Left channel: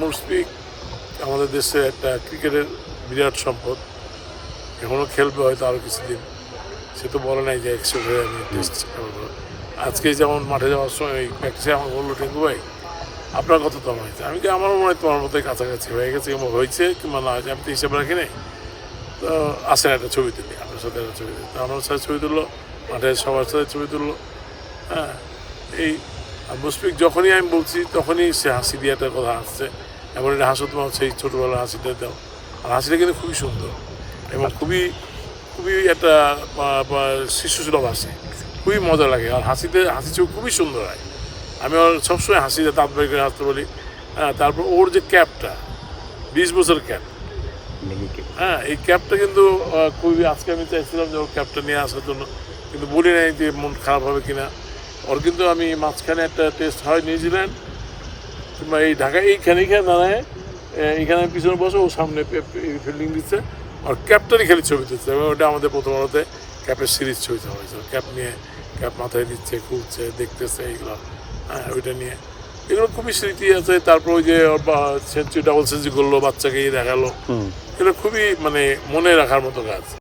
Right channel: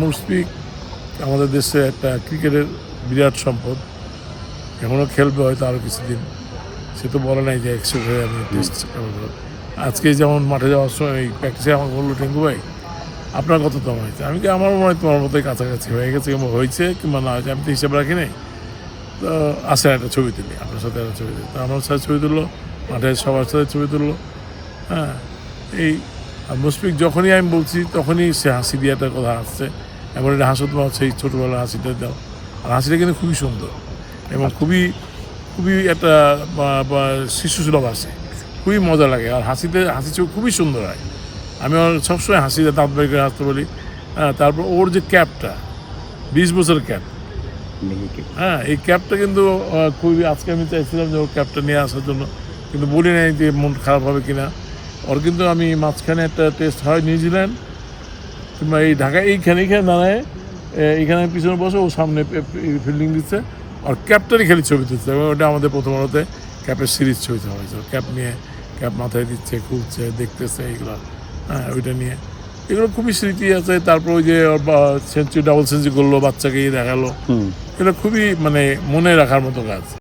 মুশফিক আমাদের দেশে একটা ক্রিকেটের বিরাট সম্পদ, এখনও খেলবে হয়তো আরও কিছুদিন। সে তো বলে নাই যে 100 হয়ে আমি টেস্ট খেলবো। আজকে যেমন মাঠে যাওয়ার সময় এই প্র্যাকটিসে আমাকে বললো, টেঙ্গু ভাই আপনার কততম হয়েছে? আমি কি আমার মনে হয় তোমার মতোই কাছাকাছি হয়ে গেছে, কিংবা হয়েছে কিংবা না হয়েছে আমি তো হিসাব রাখি নাই। তো আসেন একটা ছবি তুলি, আপনার সাথে একটা ছবি তুলি। তো আমার সাথে ছবি তুললো, মাঠে সবার সাথে ছবি তুললো। হ্যাঁ, এই মুশফিক যখনই আমি বলছি তখনই সে হাসি দিয়ে একটা কথা আসছে, এমন একটা হাসো তোমার সেই ছোটোবেলার হাসিটা দাও। আর হাসিটা কিন্তু খুবই সুন্দর এবং খুবই খুবই একটা শিশুসুলভ হাসি, খুবই মজা লাগে। আর হাসি চোখ খুবই সুন্দর হয়। আমি ওর সবসময় হাসিটা দাঁত বের করে হাসতে বলি। হ্যাঁ, তারপর ওর যে ক্যাপটা 20 বছরের ক্যাপ, হ্যাঁ এই ক্যাপটা কিন্তু খুবই, আজকে আমি চাইছিলাম যে ওর ক্যাপটা নিয়ে আসার জন্য, কিন্তু বলি নাই যে মন খারাপ হবে কিনা। ওর কিন্তু আমি মাঝখানে একটা টেস্ট হয় নিউজিল্যান্ড কিংবা এই ঢাকা, এইখানে দাঁড়ায়, এইখানে পিছনে বসে ও সামনে ফিল্ডিং দিচ্ছে, আর ক্যাপটারই খালি ছবি তুলছে। এবং ওটা আমাদের প্রথম আলোতে ক্যাপের সিরিজ ছবি দেওয়া হয়েছে। ক্যাপ নিয়ে ক্যাপ মাথায় দিচ্ছে, খুলছে, দেখতেছে, এইগুলো। হ্যাঁ, ওইটা নিয়ে এগুলো খুবই স্মৃতি আছে। তারপর ওই যে সেঞ্চুরি, ডাবল সেঞ্চুরি করলো, বাচ্চাকে দেখালো, এগুলো খুবই মনে রাখার মতো কাজ।